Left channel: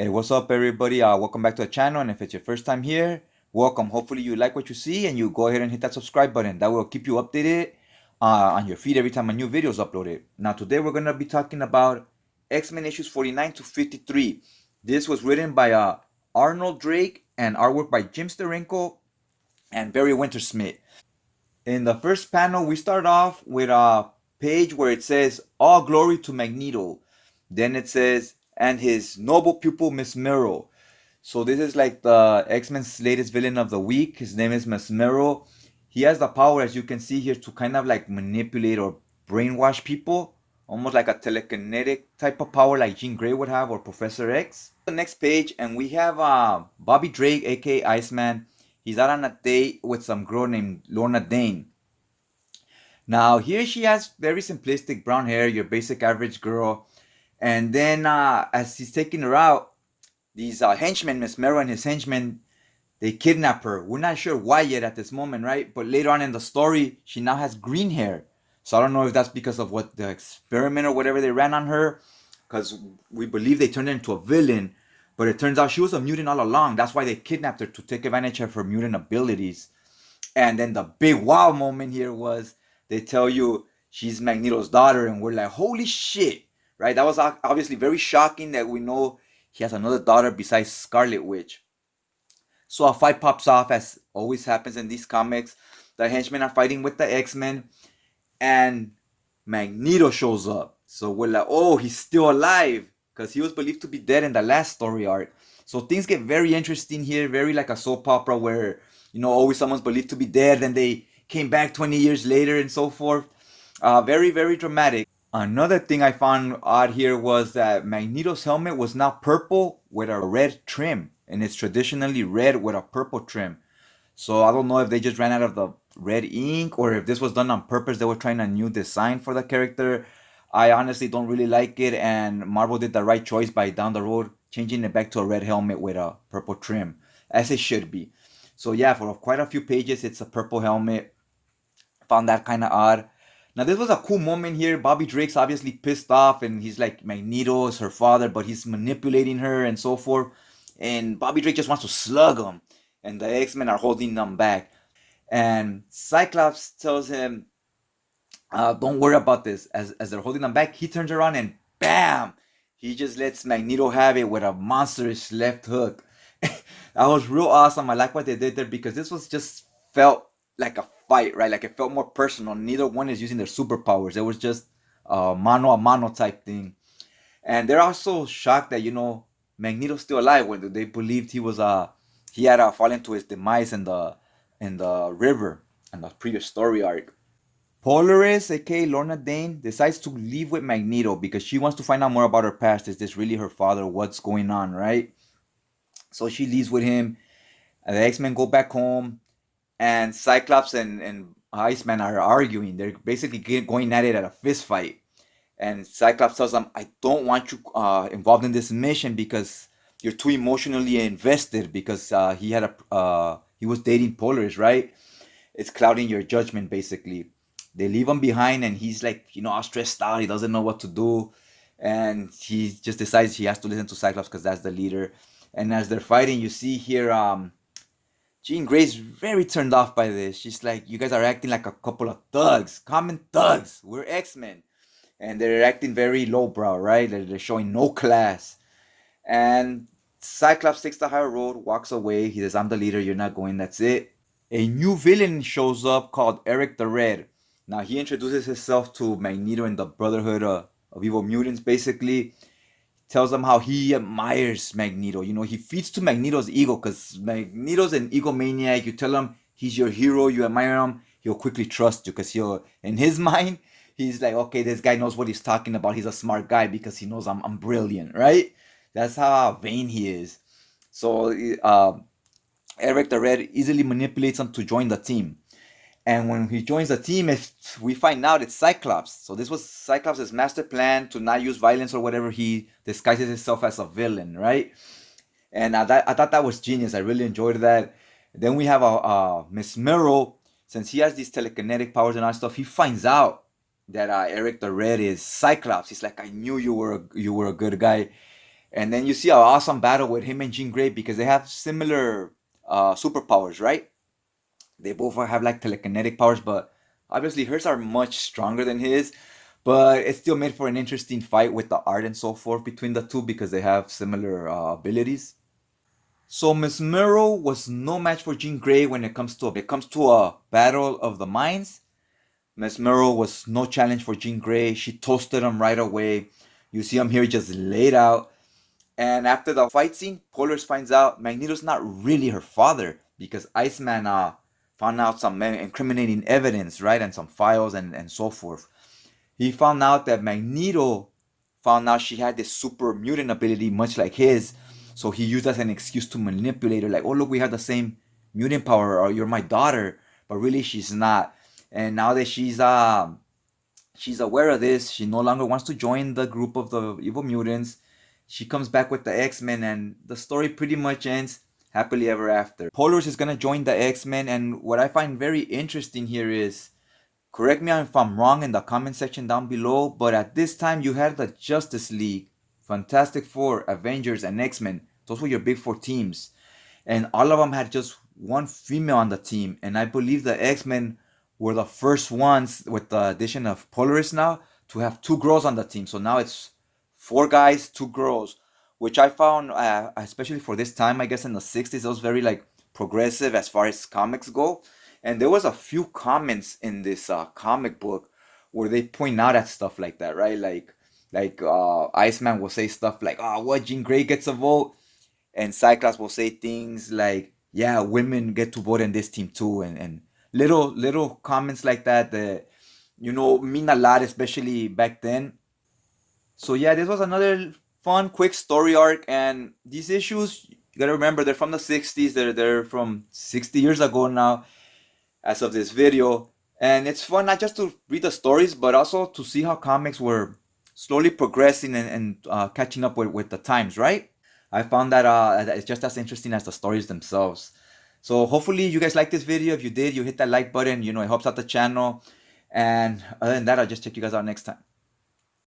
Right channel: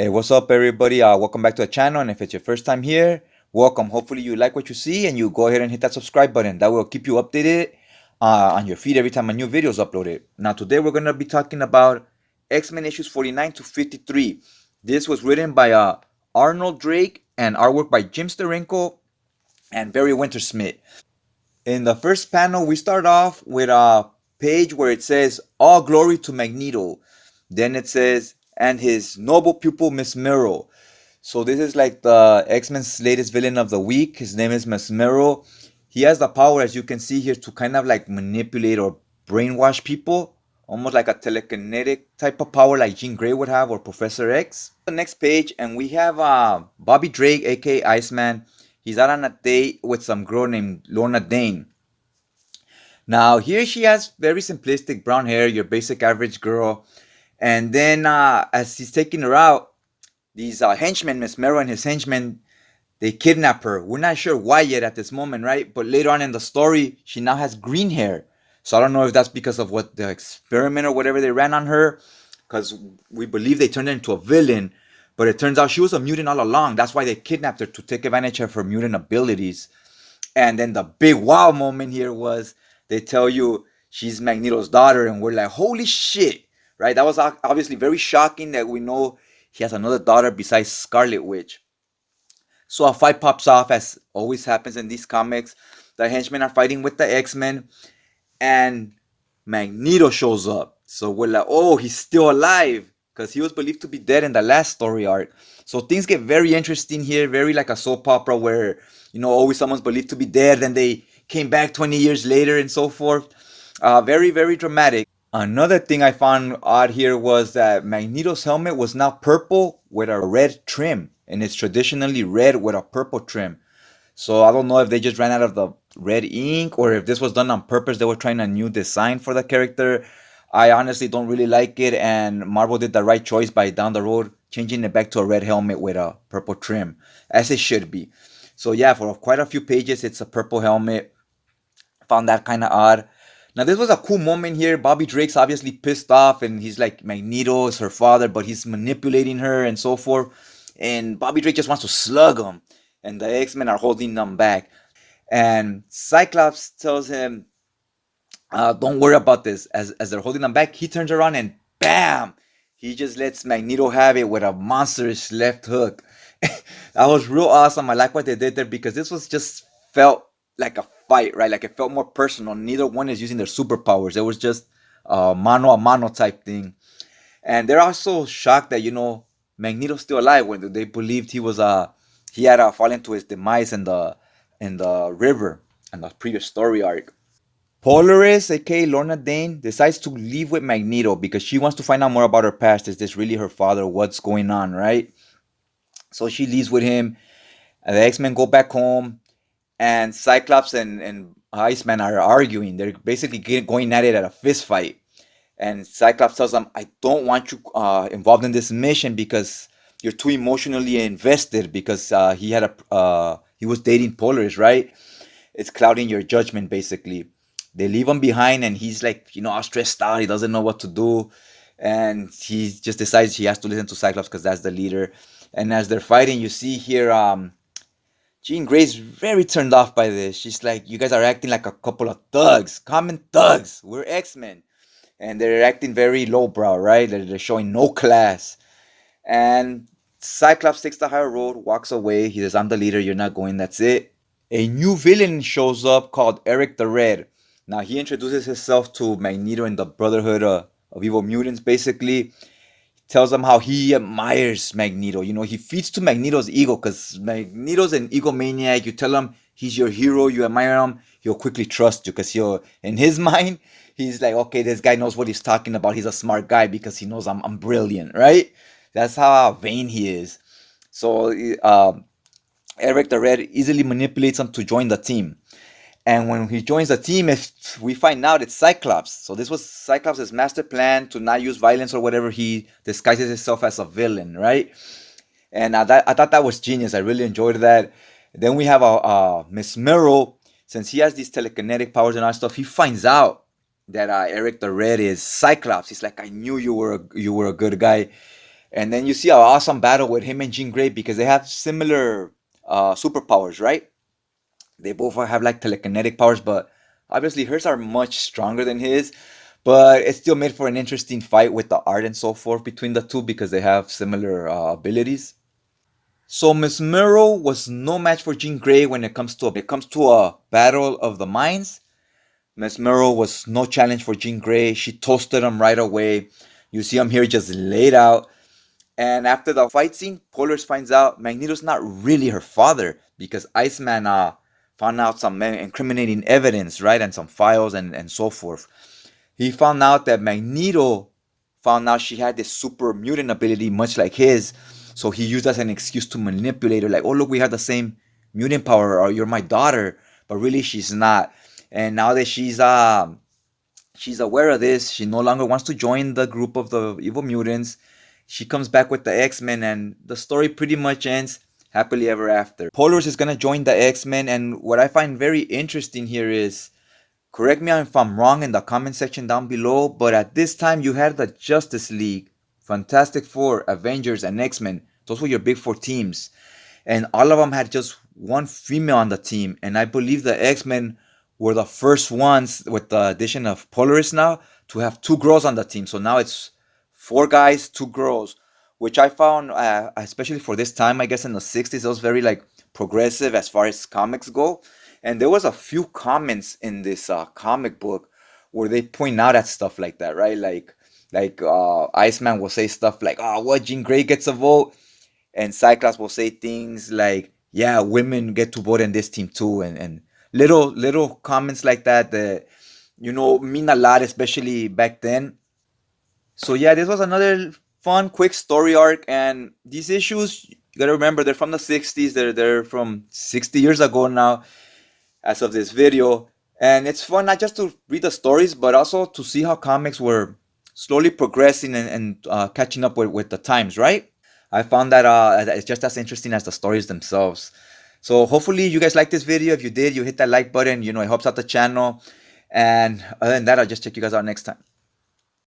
Hey, what's up, everybody? Welcome back to the channel. And if it's your first time here, welcome. Hopefully, you like what you see and you go ahead and hit that subscribe button. That will keep you updated on your feed every time a new video is uploaded. Now, today we're going to be talking about X-Men issues 49 to 53. This was written by Arnold Drake and artwork by Jim Sterenko and Barry Wintersmith. In the first panel, we start off with a page where it says, "All glory to Magneto." Then it says, "And his noble pupil, Mesmero." So this is like the X-Men's latest villain of the week. His name is Mesmero. He has the power, as you can see here, to kind of like manipulate or brainwash people, almost like a telekinetic type of power like Jean Grey would have or Professor X. The next page, and we have Bobby Drake, aka Iceman. He's out on a date with some girl named Lorna Dane. Now, here she has very simplistic brown hair, your basic average girl. And then as he's taking her out, these henchmen, Mesmero and his henchmen, they kidnap her. We're not sure why yet at this moment, right? But later on in the story, she now has green hair. So I don't know if that's because of what the experiment or whatever they ran on her, because we believe they turned her into a villain. But it turns out she was a mutant all along. That's why they kidnapped her, to take advantage of her mutant abilities. And then the big wow moment here was they tell you she's Magneto's daughter, and we're like, holy shit, right? That was obviously very shocking that we know he has another daughter besides Scarlet Witch. So a fight pops off, as always happens in these comics. The henchmen are fighting with the X-Men, and Magneto shows up. So we're like, oh, he's still alive, because he was believed to be dead in the last story arc. So things get very interesting here, very like a soap opera where, always someone's believed to be dead, then they came back 20 years later and so forth. Very, very dramatic. Another thing I found odd here was that Magneto's helmet was now purple with a red trim, and it's traditionally red with a purple trim. So I don't know if they just ran out of the red ink or if this was done on purpose. They were trying a new design for the character. I honestly don't really like it, and Marvel did the right choice by down the road changing it back to a red helmet with a purple trim, as it should be. So yeah, for quite a few pages, it's a purple helmet. Found that kind of odd. Now this was a cool moment here. Bobby Drake's obviously pissed off, and he's like, Magneto is her father, but he's manipulating her and so forth. And Bobby Drake just wants to slug him, and the X-Men are holding them back. And Cyclops tells him, "Don't worry about this." As they're holding them back, he turns around and bam, he just lets Magneto have it with a monstrous left hook. That was real awesome. I like what they did there because this was just felt like a fight, right? Like it felt more personal. Neither one is using their superpowers. It was just a mano a mano type thing. And they're also shocked that Magneto's still alive when they believed he had fallen to his demise in the river in the previous story arc. Polaris, aka Lorna Dane, decides to leave with Magneto because she wants to find out more about her past. Is this really her father? What's going on, right? So she leaves with him. And the X-Men go back home, and Cyclops and Iceman are arguing. They're basically going at it at a fist fight. And Cyclops tells them, "I don't want you involved in this mission because you're too emotionally invested." Because he was dating Polaris, right? It's clouding your judgment, basically. They leave him behind, and he's like, all stressed out. He doesn't know what to do, and he just decides he has to listen to Cyclops because that's the leader. And as they're fighting, you see here, Jean Grey's very turned off by this. She's like, "You guys are acting like a couple of thugs, common thugs. We're X-Men." And they're acting very lowbrow, right? They're showing no class. And Cyclops takes the higher road, walks away. He says, "I'm the leader. You're not going. That's it." A new villain shows up called Eric the Red. Now he introduces himself to Magneto and the Brotherhood of Evil Mutants. Basically, tells them how he admires Magneto. He feeds to Magneto's ego because Magneto's an egomaniac. You tell him he's your hero, you admire him, he'll quickly trust you because in his mind, he's like, okay, this guy knows what he's talking about. He's a smart guy because he knows I'm brilliant, right? That's how vain he is. So Eric the Red easily manipulates him to join the team. And when he joins the team, if we find out it's Cyclops. So this was Cyclops' master plan to not use violence or whatever. He disguises himself as a villain, right? And I thought that was genius. I really enjoyed that. Then we have Mesmero. Since he has these telekinetic powers and all that stuff, he finds out that Eric the Red is Cyclops. He's like, "I knew you were a good guy." And then you see an awesome battle with him and Jean Grey because they have similar superpowers, right? They both have like telekinetic powers, but obviously hers are much stronger than his. But it still made for an interesting fight with the art and so forth between the two because they have similar abilities. So Mesmero was no match for Jean Grey when it comes to a battle of the minds. Mesmero was no challenge for Jean Grey. She toasted him right away. You see him here just laid out. And after the fight scene, Polaris finds out Magneto's not really her father because Iceman found out some incriminating evidence, right? And some files and so forth. He found out that Magneto found out she had this super mutant ability, much like his. So he used as an excuse to manipulate her, like, oh, look, we have the same mutant power, or you're my daughter. But really, she's not. And now that she's aware of this, she no longer wants to join the group of the evil mutants. She comes back with the X-Men, and the story pretty much ends happily ever after. Polaris is gonna join the X-Men, and what I find very interesting here is, correct me if I'm wrong in the comment section down below, but at this time you had the Justice League, Fantastic Four, Avengers, and X-Men. Those were your big four teams. And all of them had just one female on the team. And I believe the X-Men were the first ones, with the addition of Polaris now, to have two girls on the team. So now it's four guys, two girls, which I found, especially for this time, I guess in the 60s, it was very like progressive as far as comics go. And there was a few comments in this comic book where they point out at stuff like that, right? Like Iceman will say stuff like, "Oh, what? Jean Grey gets a vote," and Cyclops will say things like, "Yeah, women get to vote in this team too," and little comments like that that mean a lot, especially back then. So yeah, this was another fun, quick story arc, and these issues, you gotta remember, they're from the 60s. They're from 60 years ago now as of this video. And it's fun not just to read the stories, but also to see how comics were slowly progressing and catching up with the times, right? I found that it's just as interesting as the stories themselves. So hopefully you guys like this video. If you did, you hit that like button. It helps out the channel. And other than that, I'll just check you guys out next time.